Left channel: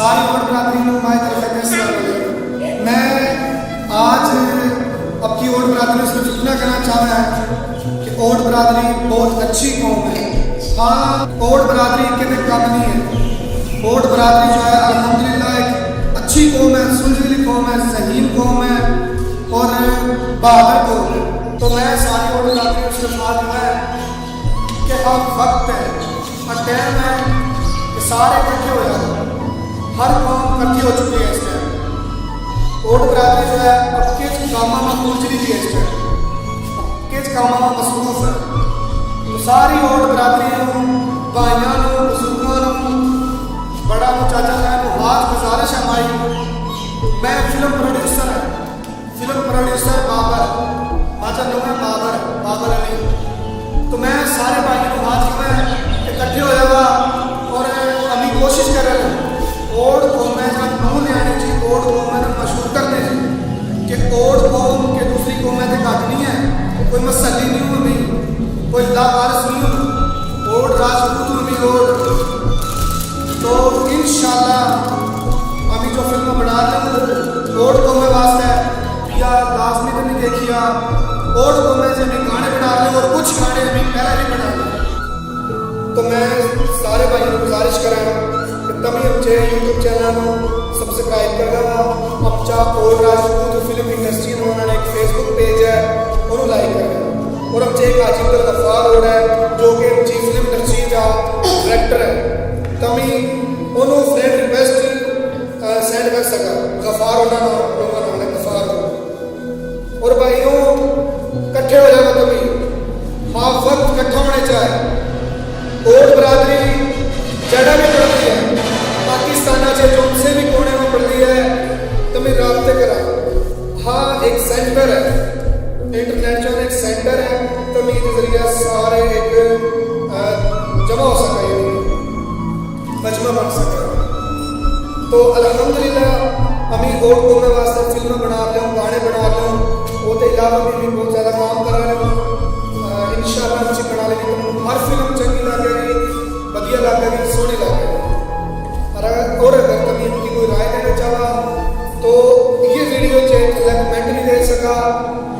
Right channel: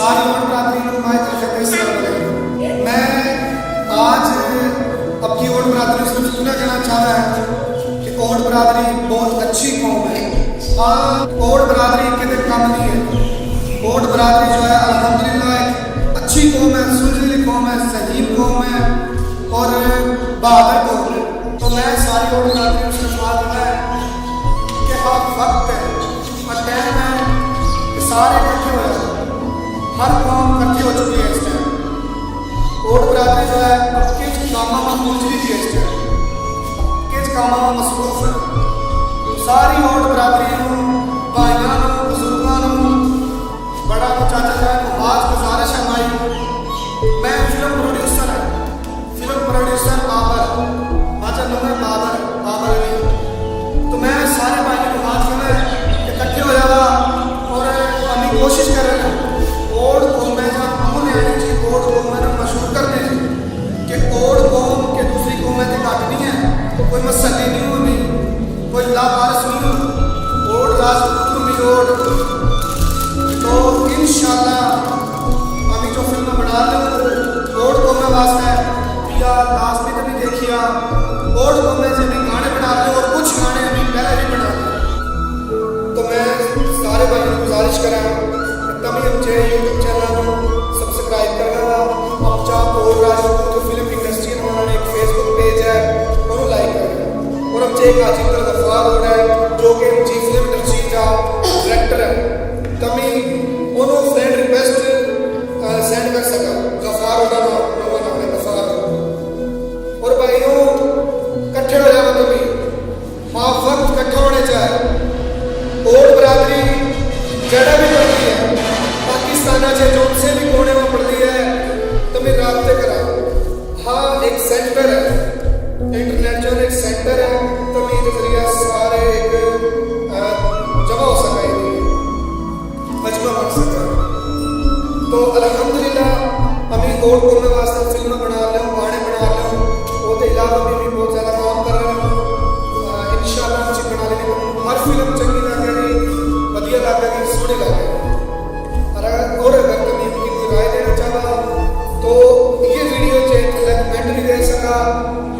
सारी ओड बरादरी नू माई तरफ है अस्सलाम वालेकुम। मैं आज अब की ओड बरादरी सिर्फ इतना कहना चाहता है कि ओड बरादरी बहुत अच्छी कौम है। हाँ, ओड बरादरी के तो कम नहीं है। ओड बरादरी जो है अल्हम्दुलिल्लाह एक अच्छी कौम है, सुलझीली कौम है, ज़हीन कौम है और बहादुर कौम है। तो मैं सारी ओड बरादरी में सिर्फ हाँ कहना है कि हाँ वक्त है, हाँ टाइम है कि सारे इकट्ठे हो जाओ। हर कौम इकट्ठी हो चुकी है इस टाइम। ओड बरादरी जो है अब के कामा में उलझ ली है इस टाइम, के कामा में मसरूफ है। तो सारी ओड बरादरी नू, भाइयों नू, बुजुर्गों नू, बड़ा नू, चाचा ताया नू हाथ गुजारिश है माई। मैं फिल्म प्रोड्यूसर है, फिल्म प्रोड्यूसर बाबर माचा नू है बाबर अली। तो मैं सारे भाइयों नू हाथ कहना कि इकट्ठे हो जावा और अमी कोशिश कर रहे हूँ ओड कौम में जहाँ नू लियानी जी, ओड कौम में ना मशहूर करने जी कि ओड कौम के दूसरी कौम में तो घट नहीं है। कोई मसली नहीं हूँ अमी, कोई लावारिस नहीं हूँ, ओड राजपूत हूँ अमी ओड। तो इंशाल्लाह अमी जो फिल्म बना रहे हूँ ओड कौम में वास्ते भैया लाजमी तमी देखिया। ओड कौम में अमी गाने बना रहे और कुछ गाने अमी पहले भी बना ले। तो मैं सारे भाइयों को गुजारिश करें कि तमी आमचे यूट्यूब चैनल सबसक्राइब करगा वा। आमचा ओड राजपूत फिल्म इंडस्ट्री उन्होंने एक फेसबुक पेज है उन्होंने लाइक करगा वा। और आमचे एक आजिब अब्दुल गफ्फार ओड है जो कि आमची फिल्म इंडस्ट्री का डायरेक्टर है। तमी उन्होंने फ्रेंड रिक्वेस्ट सेंड कर सका। गफ्फार ओडा नवा नाम है गफ्फार ओड। और भाइयों इकट्ठे हो जावा तमी, हाँ वक्त इकट्ठा होने चाहे। ओड बरादरी जड़ा भी पढ़ ली है पाकिस्तान से जोन से भी कोने में पढ़ ली है तमी राब्ते करा। हाँ एक सेंटर है, इंटरनेट जो है एक सेंटर है तमी के जरिए सारे एक जमा हो सका, यानी कि मजमा बन सके। तो अल्हम्दुलिल्लाह अमी ओड को मैं वास्ते फिल्म बना रहे हूँ, गाने बना रहे हूँ। वो तो अलावा भी मैं बहुत ज़्यादा काम कर रहे हूँ। इंशाल्लाह हम चीज बना लेगी तुम हर फिल्म चंगी लगेगी, बढ़िया लगेगी, सोहनी लगेगी। और अगर तुम इसकी कोई राय देना चाहा तो ये वीडियो चे थले कमेंट भी दे सका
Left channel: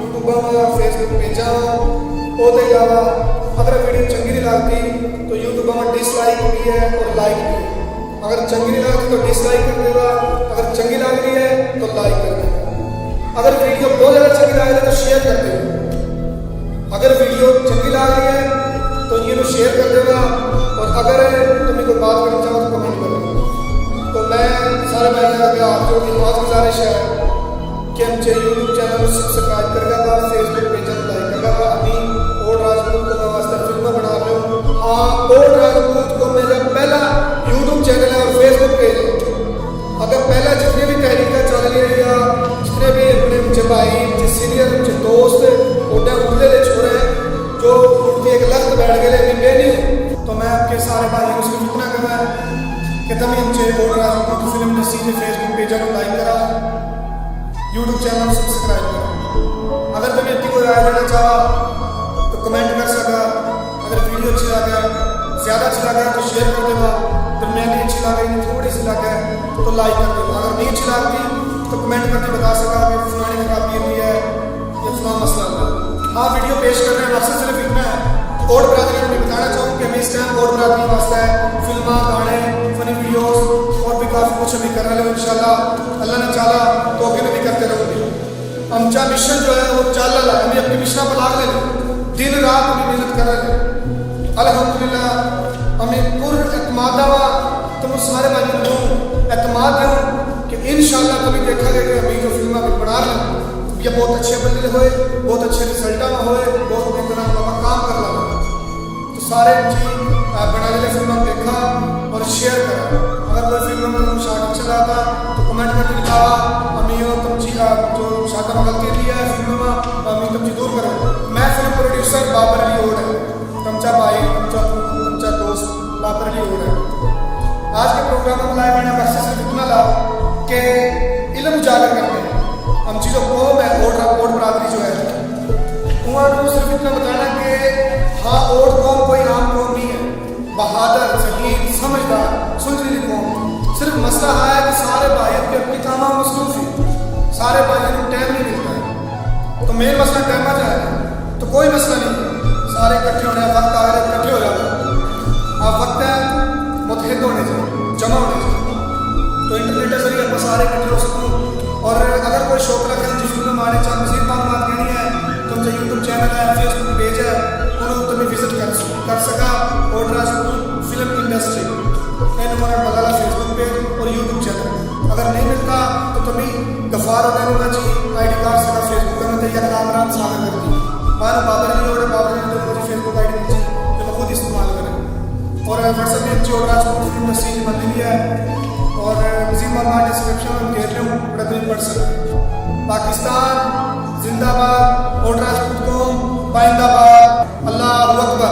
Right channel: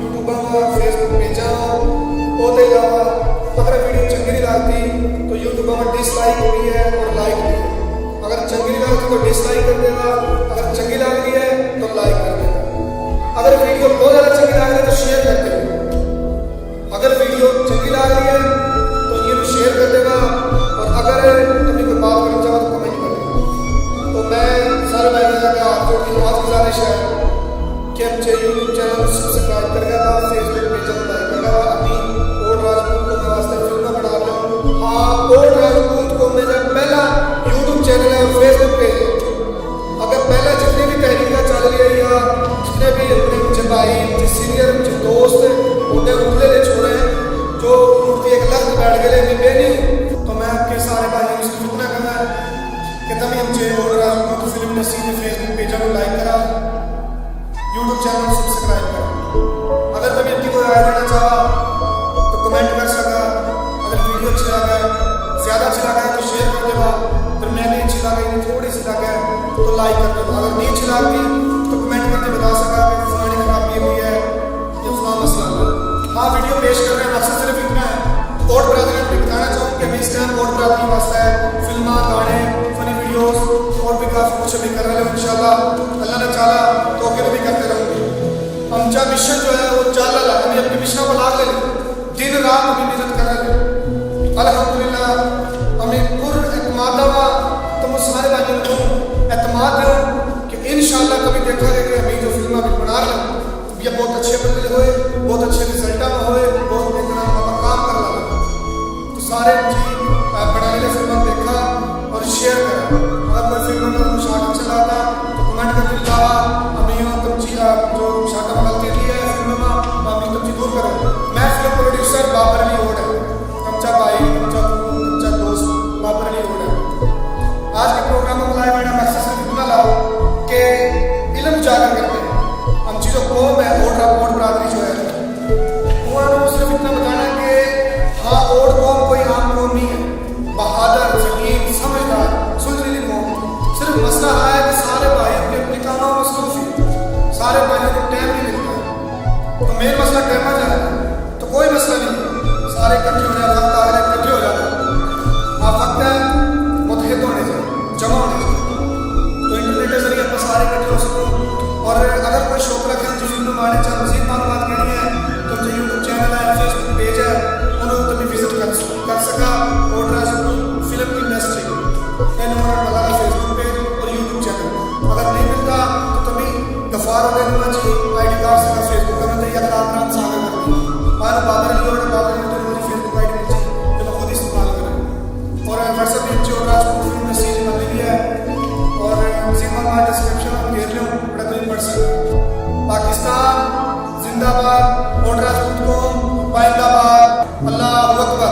यूट्यूब में, फेसबुक पेजा में। वो तो अलावा अगर वीडियो चंगी नहीं लगती तो यूट्यूब में डिसलाइक भी है और लाइक भी है। अगर चंगी नहीं लगती तो डिसलाइक कर देगा, अगर चंगी लग रही है तो लाइक कर देगा। अगर वीडियो बहुत ज़्यादा चंगी लग रही है तो शेयर कर देगा। अगर वीडियो चंगी लग रही है तो ये शेयर कर देगा। और अगर तुम्हें कोई बात करना चाहो तो कमेंट कर देगा। तो मैं सारे भाइयों के हाथ जोड़ दी हाथ गुजारिश है कि हमचे यूट्यूब चैनल सब्सक्राइब करगा बा, फेसबुक पेज लाइक करगा बा। अमी ओड राजपूत को मैं वास्ते फिल्म बना रहे हूँ। हाँ, ओड राजपूत को मेरा पहला यूट्यूब चैनल है और फेसबुक पेज है। अगर पहला जितने भी तहरीका चल रही है या जितने भी अपने हमचे भाई, हमचे सीनियर, हमचे दोस्त ओडे उड़ले ले छोरे हैं जो उड़ती एक लख्त बैठ गए अमी बेनी हूँ। तो मैं आपके सारे भाइयों में सिर्फ इतना कहना है कि तुम हमचे ओड राजपूत फिल्म इंडस्ट्री के फेसबुक पेजा लाइक करा, यूट्यूब चैनल सब्सक्राइब करा। अगर तुम इसकी कोई राय देना चाहा तो कमेंट कर सका। अगर वीडियो अच्छी लगा है, ज़्यादा अच्छी लगा है तो शेयर कर देगा, दरमियानी अच्छी लगा यानी थोड़ी सी लगा है तो लाइक कर देगा। अगर नहीं अच्छी लगती तो कमेंट करती बता सका कि फलानी खराबी ली है या फला मसला है। हाँ, वीडियो पेश करने का मकसद सिर्फ इतना है कि ओड बरादरी में बताना चाहूँ कि हमें इस टाइम ओड बरादरी वास्ते है फिल्मा, गाने, फनी वीडियोस और भी काफ़ी कुछ हमें कर रहे हो। इंशाल्लाह अल्लाह ने चाला तो आगे भी करते रहूँगे। हमचा मिशन जो है वो चल रहा है, हमें आपकी मिशना पर लाग ले लो, दिन रात हमें मेहनत कर रहे हो। अल्हम्दुलिल्लाह हमें पुर एतमादा में तुम सारे भाइयों ने कहूँ एतमाद दूँ कि इंशाल्लाह तुम्हें देखा गया कि हमें जो फिल्म हमें बना रहे हो ये बहुत अच्छे बल्ले होए, बहुत अच्छे रिजल्टा में होए, बहुत मेहनत काम कर ला। तो सारे हम बना ले फिल्म देखा और शेयर करा। अगर कोई फिल्म में तुम्हें शार्ट अच्छा लगता तो कमेंट करके बतावा। अमी तमची जो शार्ट में गलती लिया है फिल्म में तो अमी तमची दूर करो। मैं फिल्म प्रोड्यूसर बाबर अली ओड है, तमचा भाई, तमचा पूत, तमचा दोस्त बाबर अली ओड है। आज के प्रोग्राम में लाइव आने मकसद सिर्फ इतना ला कि इल्म उजागर करते हैं। हमची जो कौम है ओड बरादरी जो है उन्होंने सिर्फ इतना बताना कि हाँ ओड कौम कोई आम कौम नहीं है, बहादुर, ज़हीन, समझदार, सुलझीली कौम। सिर्फ मसला हाँ है कि सारे भाई अपने अपने काम में मसरूफ ही, सारे भाइयों को टाइम नहीं मिलता। तो मेन मसला टाइम जाए ना तो कोई मसला नहीं है, सारे इकट्ठे होने वक्त आ गए, इकट्ठे हो जाता। अब वक्त है मुतहद होने जा, जमा होने जा, तो इंटरनेट के जरिए आप सारे इकट्ठे हो सको। और अगर कोई शौक रखे हम जी फिल्म में आने चाह मजीद मालूमात कहनी है तो हम यूट्यूब चैनल है, फेसबुक पेज है, उन्होंने तुम विजिट कर सका। ओट राजपूत फिल्म इंडस्ट्री एन बल्ला फेसबुक पेज और यूट्यूब चैनल। अगर नहीं मिलता तो तुम्हें गफार ओटे नुमाची ID कार्ड सका फेसबुक का मैं या कामरान सागर करती मानो बाबर अली ओटे बाबर अली नुमाची फेसबुक ID मिल जी जो मैं खुद इस्तेमाल करें। और व्हाट्सएप भी हमची ओट राजपूत फिल्म इंडस्ट्री जी बन ली है। और मजीद मालूमात डिस्क्रिप्शन में हम घेर लूँ, बड़ा तुम्हें पढ़ सका। पाकिस्तान जिंदाबाद, ओट राजपूत कौम पाइंदाबाद, अल्लाहू अकबर।